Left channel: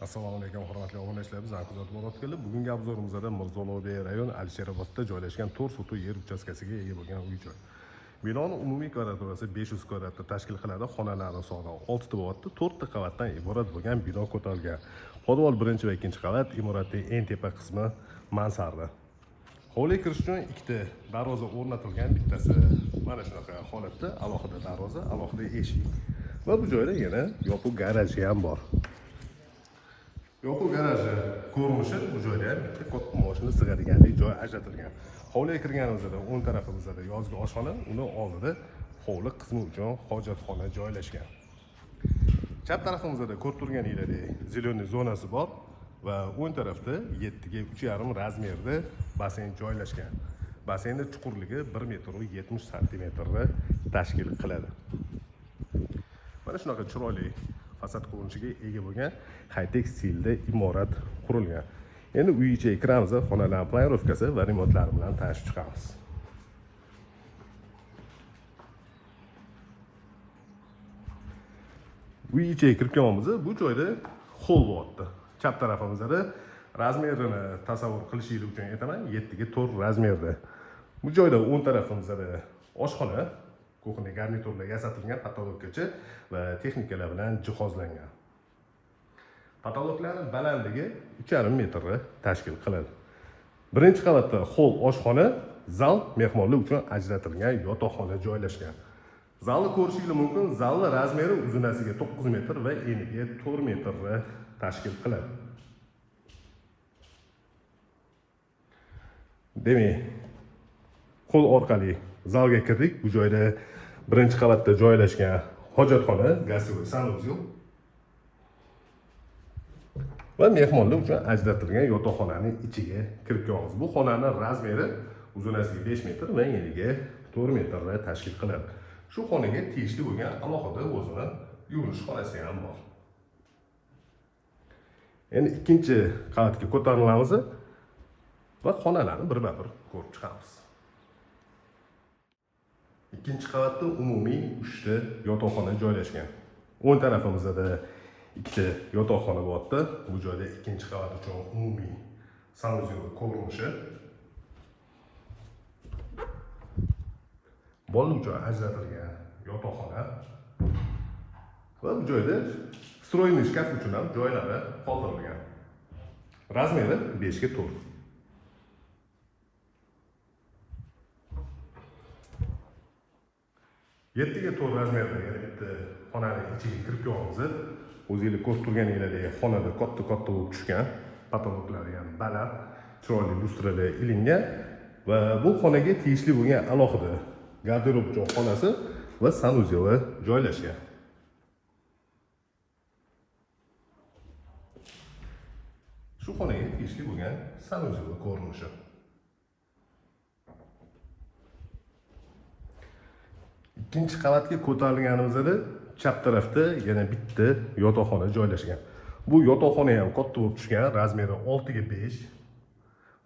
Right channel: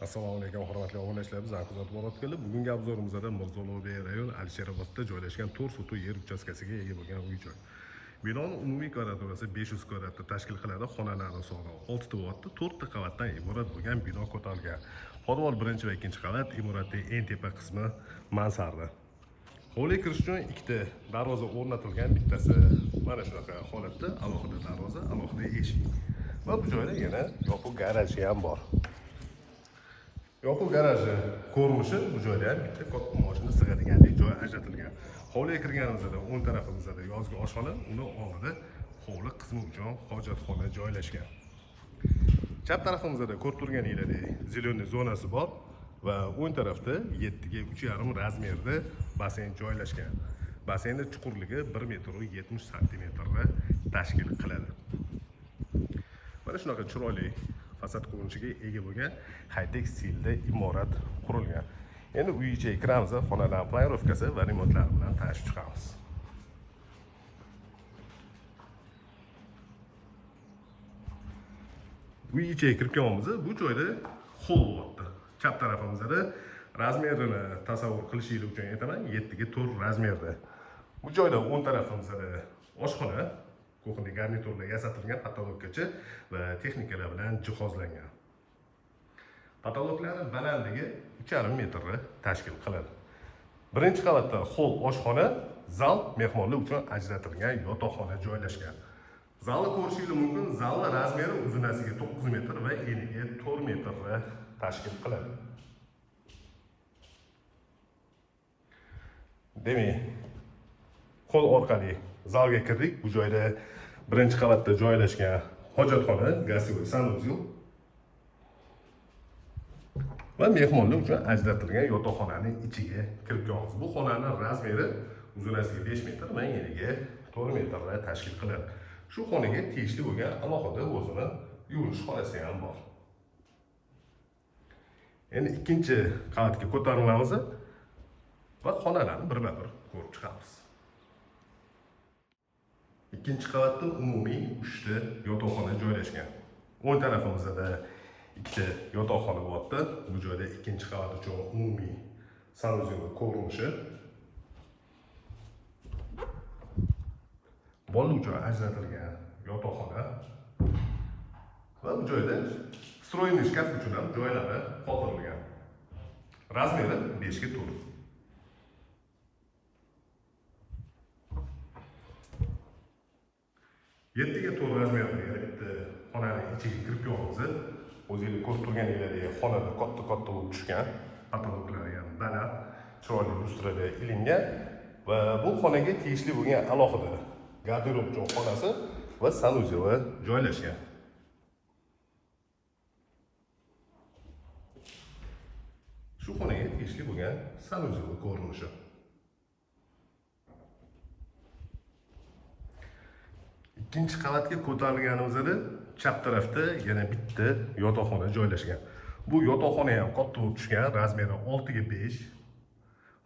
Assalomu alaykum hurmatli obunachilar, bizlar kuzatib borayotganlar. Bugungi obzorimizda Mirzo Ulug'bek rayon Alisherobodda joylashgan 4 sotuv yer uchastkasiga ega bo'lgan uy-joy. Binoning umumiy kvadraturasi 500 kvadratni tashkil qiladi. Xonalari soni 6 ta bo'lyapti. 4 ta qavatdan iborat bo'lgan bino ko'tarilgan. Podval 1 va 2 qavat, imoratning eng tepa qismi mansarda. Hovliga kirish uchun ikkita darvoza o'rnatilgan, bittasi mana shunaqa holatda, alohida darvoza, alohida eshik. Va bu joyda yana yopiq garaji ham bor. Yopiq garaji ko'rinishi bu joyda ham bitta katta mashina sig'adiganlik joy ajratilgan. Hovliga kirganimizda o'ng tarafimizda yozgi oshxona, uni oldida hovli qismi uchun hojatxona joylashgan. Chap tarafimizda ko'rib turganinglardek zeleniy zonasi bor va o'ng tarafda 7 ga 3,5 razmerda basen joylashgan. Basenning chuqurligi 1 metr 70 santimetrni tashkil qiladi. Mana shunaqa chiroyli fasad ko'rinishiga ega bo'lgan high-tech stilda imorat qurilgan. Endi uy ichiga kiramiz, xonalar planirovkasi va remontlari bilan tanishib chiqamiz. Uy ichiga kirib kelganimizda bu joyda hol bo'lyapti. Chap tarafimizda razmerini tasavvur qilishingiz uchun aytaman, 7 ga 4 razmerda. Bu joyda o'ng tarafimizda oshxona, kuxni garniturlar yasatilgan, patologgacha va texnikalar bilan jihozlangan. Patologlarning balandligi 3,5 metrni tashkil qiladi. Birinchi qavatda hol oshxona, zal, mehmonlar uchun ajratilgan yotoqxona joylashgan. Zalni ko'rishingiz mumkin. Zalning razmeri uzunasiga 9 metr va eniga 4 metrni tashkil qiladi. Demak, qo'l orqali zalga kirdik. Bu joyda birinchi qavatda joylashgan hojatxona, gazli sanuzel va mehmonlar uchun ajratilgan yotoqxonaning ichiga kirib kelamiz. Bu xonaning razmeri uzunasiga 5 metr va eniga 4 metrni tashkil qiladi. Shu xonaga tegishli bo'lgan alohida o'zini yuvinish xonasi ham bor. Endi ikkinchi qavatga ko'tarilamiz va xonalarni birma-bir ko'rib chiqamiz. Ikkinchi qavatda umumiy 3 ta yotoqxona joylashgan. O'ng tarafimizda ikkita yotoqxona bo'lyapti. Bu joyda ikkinchi qavat uchun umumiy sanuzel ko'rinishi. Bola uchun ajratilgan yotoqxona va bu joyda stroyniy shkaf uchun ham joylari qoldirilgan. Razmeri 5 ga 4. Yettiga 4 razmerda yana bitta xonaning ichiga kirib kelamiz. O'zingiz ko'rib turganingizdek xonada katta bo'lib tushgan, patologlari ham baland, chiroyli lustrada ilingan va bu xonaga tegishli bo'lgan alohida garderob xonasi va sanuzeli joylashgan. Shu xonaga tegishli bo'lgan sanuzeli ko'rinishi. Ikkinchi qavatga ko'tarilganimizda chap tarafda yana bitta yotoqxona joylashgan. Bu yotoqxona ham katta bo'lib tushgan, razmeri 6 ga 5.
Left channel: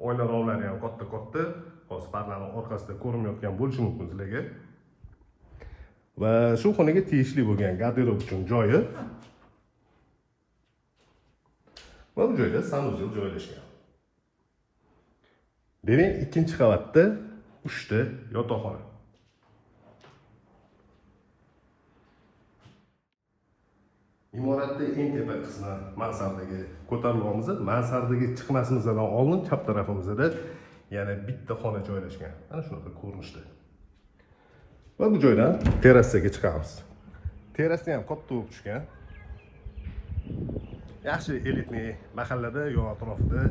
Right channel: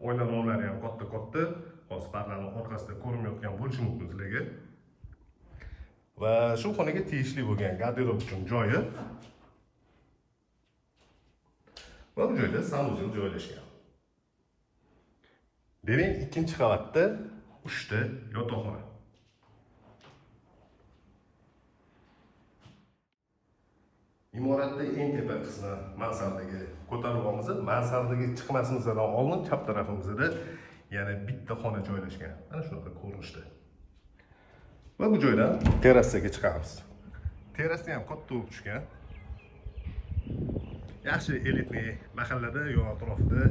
Oynalovlari ham katta. Hozir pardaning orqasida ko'rinmayotgan bo'lishi mumkin sizlarga. Va shu xonaga tegishli bo'lgan garderob uchun joyi va bu joyda sanuzel joylashgan. Demak, ikkinchi qavatda 3 ta yotoqxona. Imoratning eng tepa qismi mansardaga ko'tarilganmiz. Mansardaga chiqmasimizdan oldin chap tarafimizda yana bitta xona joylashgan. Mana shunaqa ko'rinishda. Va bu joydan terrasaga chiqamiz. Terrasa ham katta bo'lib tushgan. Yaxshi elitniy mahallada yo atrofida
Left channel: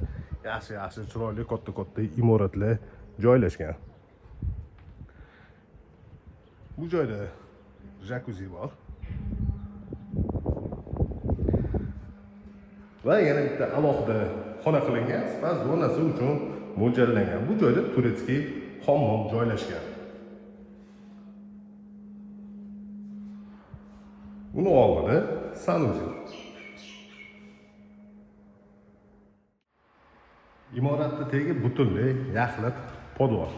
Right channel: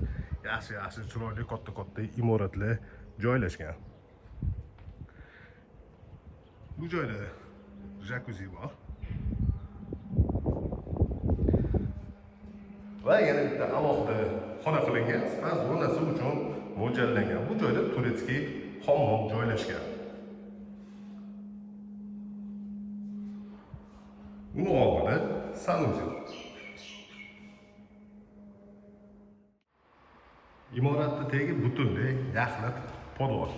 yaxshi chiroyli katta imoratlar joylashgan. Bu joyda jakuzi bor. Va yana bitta alohida xona qilingan, spas zonasi uchun mo'ljallangan. Bu joyda turetskiy hammom joylashgan. Uni oldida sanuzel. Imoratning tegi butunlay yaxlit podval.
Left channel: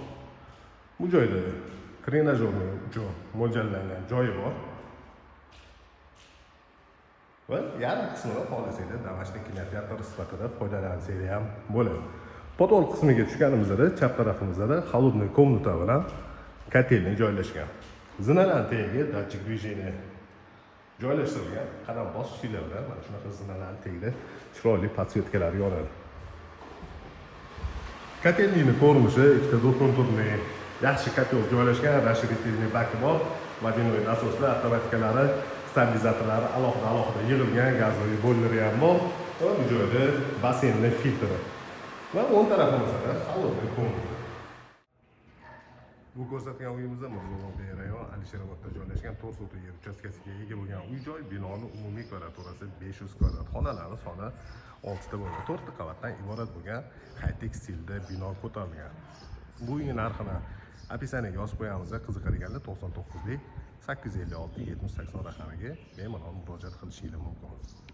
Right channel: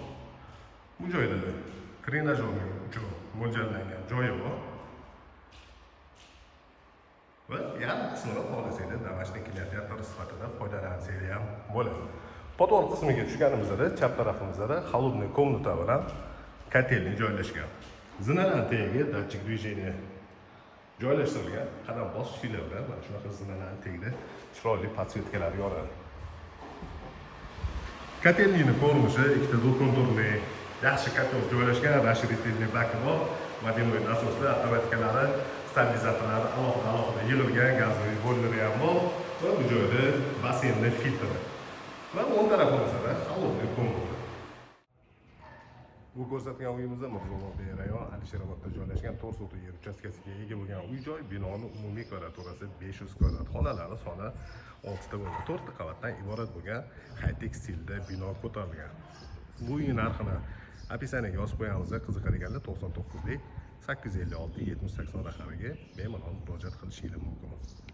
Bu joyda trenajyor uchun mo'ljallangan joyi bor. va yarim qismini xohlasanglar домашний kinoteatr sifatida foydalansanglar ham bo'ladi. Podol qismiga tushganimizda chap tarafimizda холодный komnata bilan kotelni joylashgan. Zinalarning tagiga datchik движения joylashtirilgan. Qadam bosishlar bilan mana shunaqa zinalarning tagida chiroyli podsvetkalar yonadi. Kotelning ko'rinishi ikkita do'konturli yaxshi kotel joylashgan, расширительный baki bor, водяной nasoslar, avtomatkalari, stabilizatorlari alohida yig'ilgan gazoviy bo'llari ham bor va bu joyda basseynli filtr va o'ng tarafimizda холодный komnata. Bu ko'rsatgan uyimizda Mirzobod rayon Alisherobodda joylashgan 4 sotuq yer uchastkasiga ega bo'lgan uy-joy. Binoning umumiy kvadraturasi 500 kvadrat, xonalari soni 6 ta bo'lgan, 4 ta qavatdan iborat bo'lgan high-tech stilda bino ko'tarilgan. Bu uyning narxini opisiyaga yozib qo'yamiz. Qiziqadiganlar 99 856 70 80 raqamiga bemalol murojaat qilishingiz mumkin.